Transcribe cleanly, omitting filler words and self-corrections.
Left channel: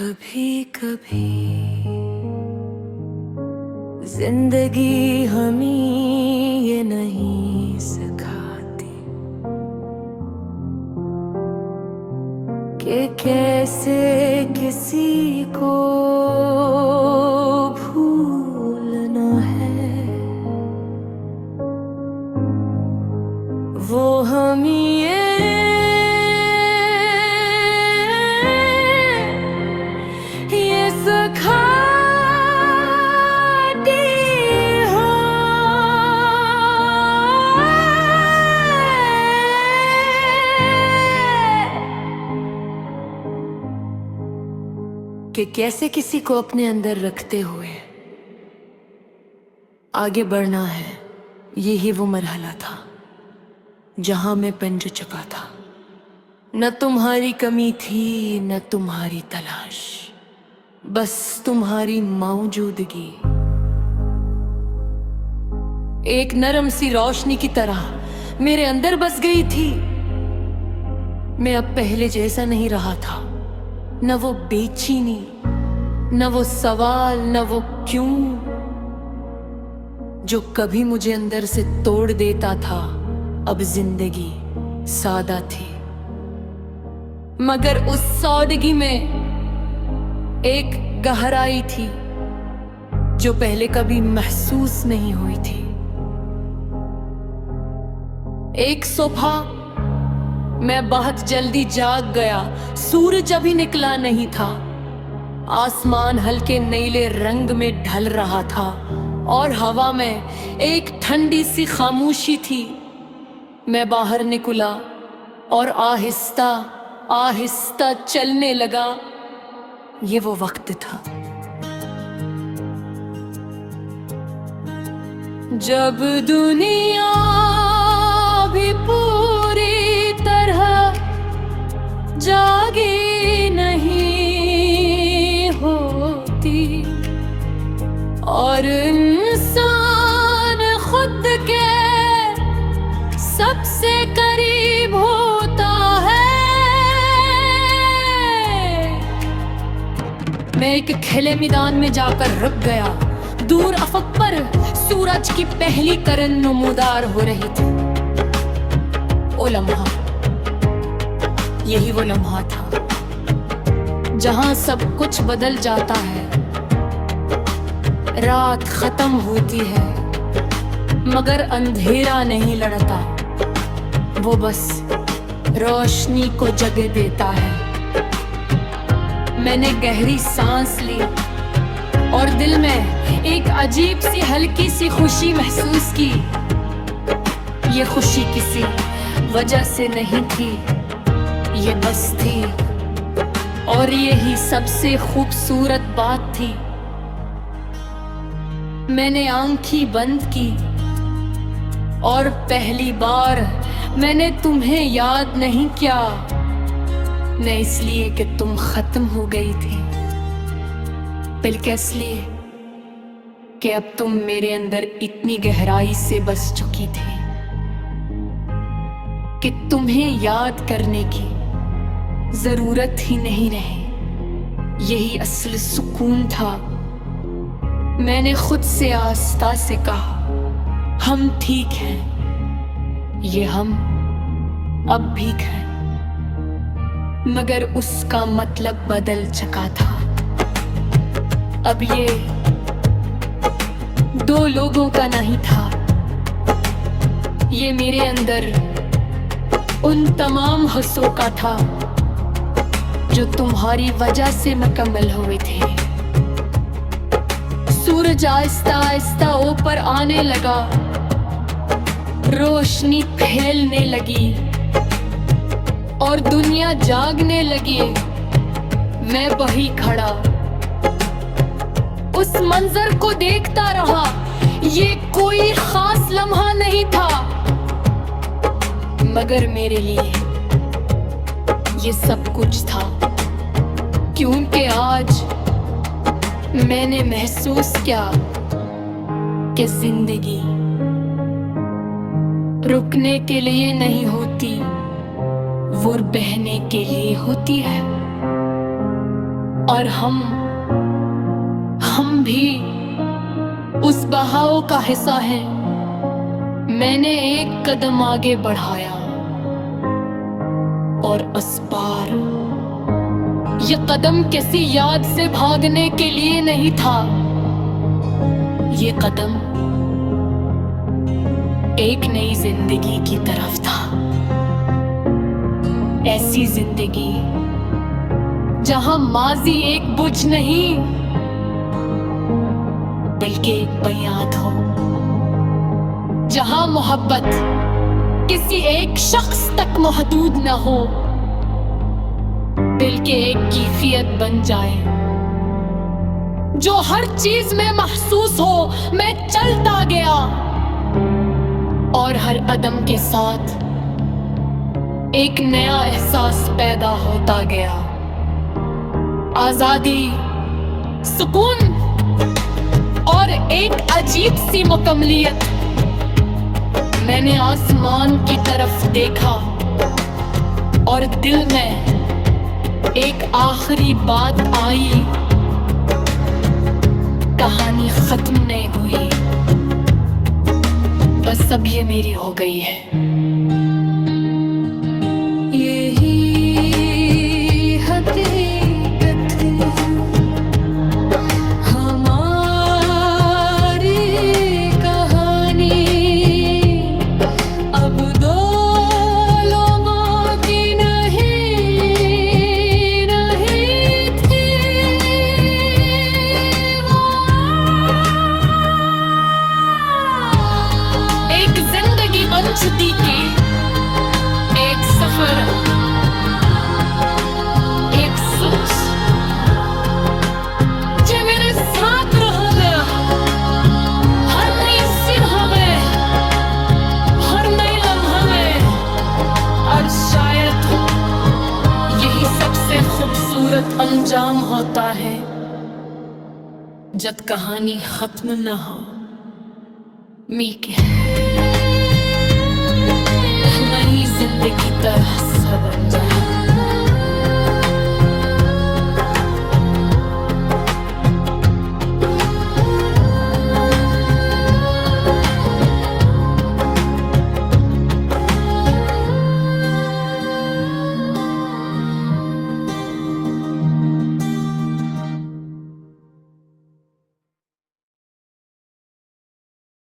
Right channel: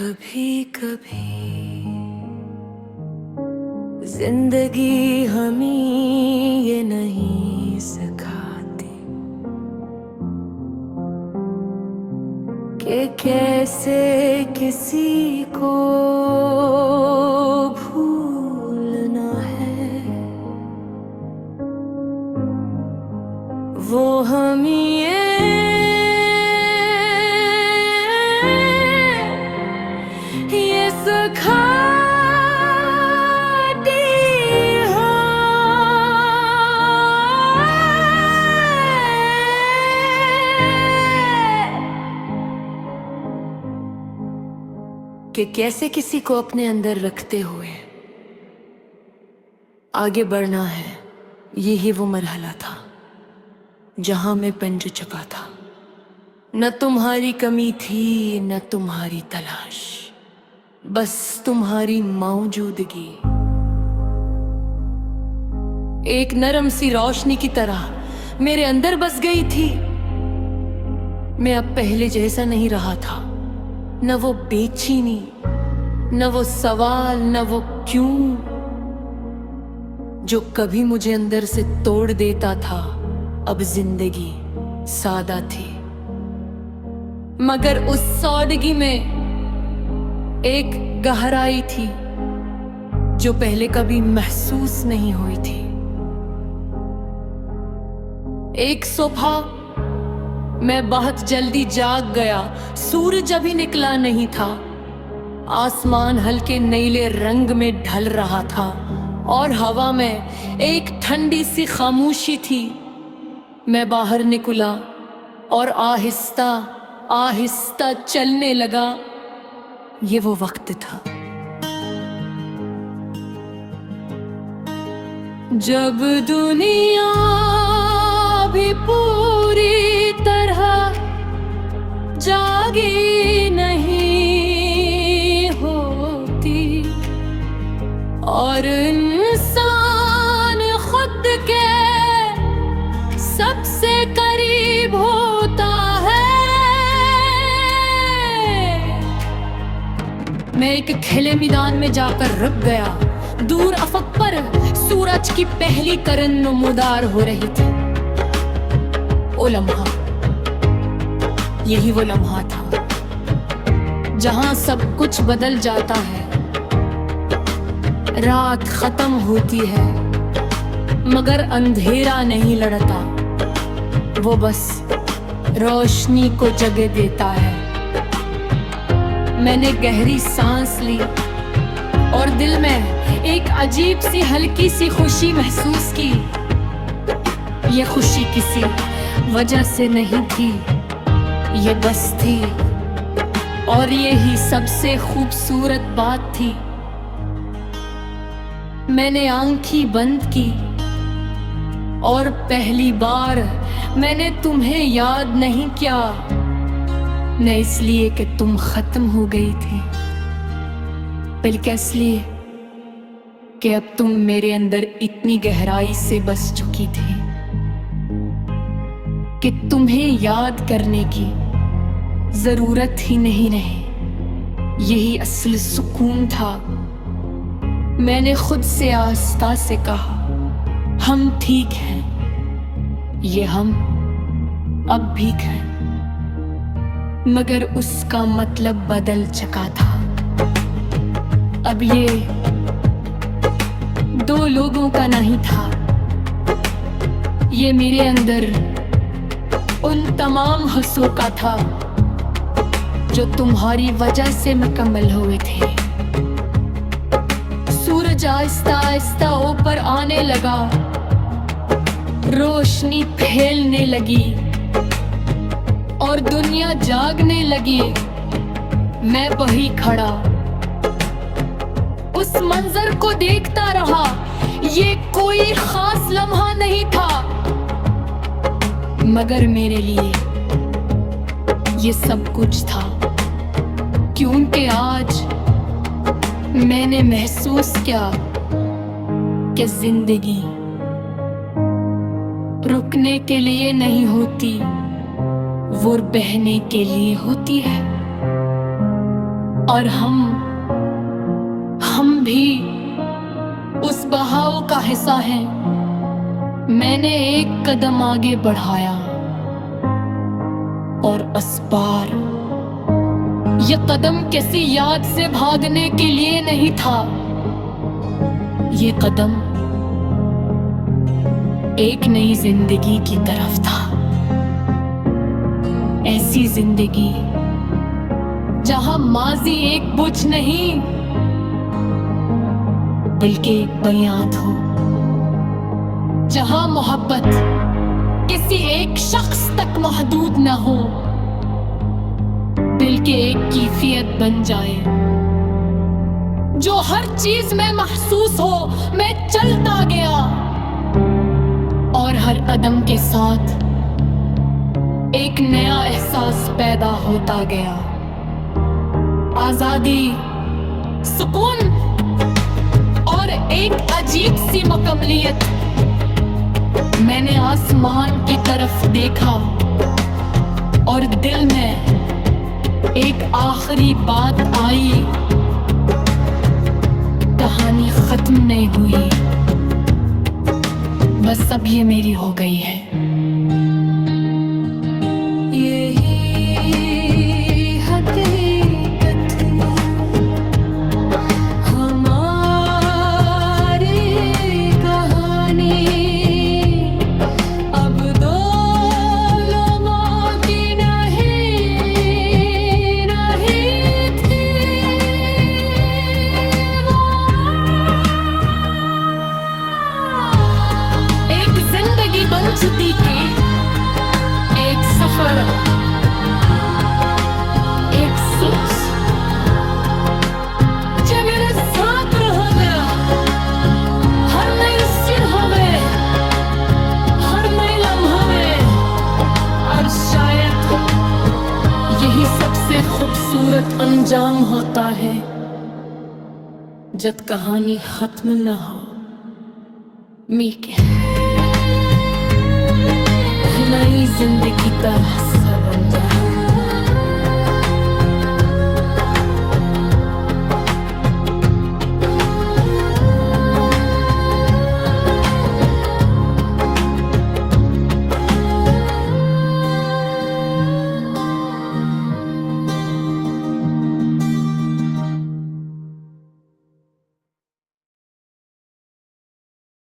कभी कभी जिंदगी हमें ये नहीं सिखाती कि कैसे किसी को भूलना है। वो हमें ये सिखाती हो कि कैसे किसी को अपने अंदर रखते हुए आगे बढ़ना है। यही वो मरहला था जहां मैं पंज चुका था। न तुम्हारी कमी थी न तुम्हारी तलाश, बस तुम्हारी मौजूदगी एक नरम सी रोशनी की तरह मेरे अंदर बस गई थी। मैं अब पहले जैसा नहीं रहा था, न वो बेचैनी, न वो सवाल, न वो क्यों जो कभी मुझे अंदर से तोड़ देता था। अब जिंदगी सादा थी, मगर उस सादगी में एक गहराई थी जो पहले कभी महसूस नहीं हुई थी। एक सुबह मैं बहुत जल्दी जाग गया। सूरज अभी निकला नहीं था, आसमान हल्के नीले रंग में ढल रहा था और हवा में एक ठंडी सी खामोशी थी। मैं बाहर निकला और आहिस्ता आहिस्ता चलने लगा। ये वो वक्त था जब दुनिया भी पूरी तरह जागी नहीं होती और इंसान खुद के सबसे करीब होता है। मैं एक खुले मैदान में जाकर रुक गया। दूर अफक पर सूरज की पहली किरण नमूदार हो रही थी। ओ लम्हा, यही वो लम्हा था जहां सब कुछ बदल जाता है। रात खत्म होती है मगर अंधेरा नहीं लड़ता, वो बस रोशनी को जगह देता है। मैंने गहरी सांस ली और दिल में एक अजीब सी हल्की सी खुशी महसूस की। ये खुशी किसी वजह से नहीं थी, ये बस थी। और यही सबसे खूबसूरत बात थी। मैंने आंखें बंद की और पहली बार मैंने तुम्हें याद नहीं किया, न इसलिए कि तुम खत्म हो गई थी, बल्कि इसलिए कि अब तुम मेरे अंदर इतनी गहराई से बस चुकी थी कि तुम्हें याद करने की जरूरत ही नहीं रही। यही असल सुकून था। मैंने खुद से आस्था से कहा, हम ठीक हैं। ये हम अब भी हैं, मगर उसका मतलब बदल चुका था। अब ये दो लोगों का नहीं था, ये मेरे अंदर उन तमाम हिस्सों का था जो तुम्हारी वजह से मुकम्मल हुए थे। सूरज आहिस्ता आहिस्ता ऊपर आने लगा, रोशनी फैलने लगी और दुनिया जागने लगी। मैं वहीं खड़ा उस मंजर को देखता रहा। ये कोई खास लम्हा नहीं था, मगर मेरे लिए ये सब कुछ था, क्योंकि आज मैंने महसूस किया कि जिंदगी रुकने के लिए नहीं होती, वो बहने के लिए होती है। और हम भी उस बहाव का हिस्सा हैं। मैंने एक कदम आगे बढ़ाया और इस बार यह कदम किसी याद से भागने के लिए नहीं था। ये कदम एक नई जिंदगी की तरफ था। ऐसी जिंदगी जहां माजी एक बोझ नहीं बल्कि एक बुनियाद हो, जहां मोहब्बत किसी एक शख्स तक महदूद न हो बल्कि एक कैफियत बन जाए जो हर चीज में महसूस हो। मैं चलता गया और हर कदम के साथ एक नया एहसास पैदा होता गया। आजादी, सुकून और एक अजीब सी मुकम्मलियत। मैंने आसमान की तरफ देखा और दिल में एक आखिरी बात आई। कहानी खत्म नहीं हुई, बस अब ये मेरी हो गई है। यही हकीकत हमारी कहानी। अब दो लोगों की नहीं थी वो। एक जिंदगी बन चुकी के एक सफर, एक सोच जो मेरे साथ रहेगा हर नई सिरहा में, हर नई लम्हा में। और शायद यही सबसे खूबसूरत अंजाम होता है जब कहानी खत्म न हो। मीके नई जिंदगी तरह सा बन जाए।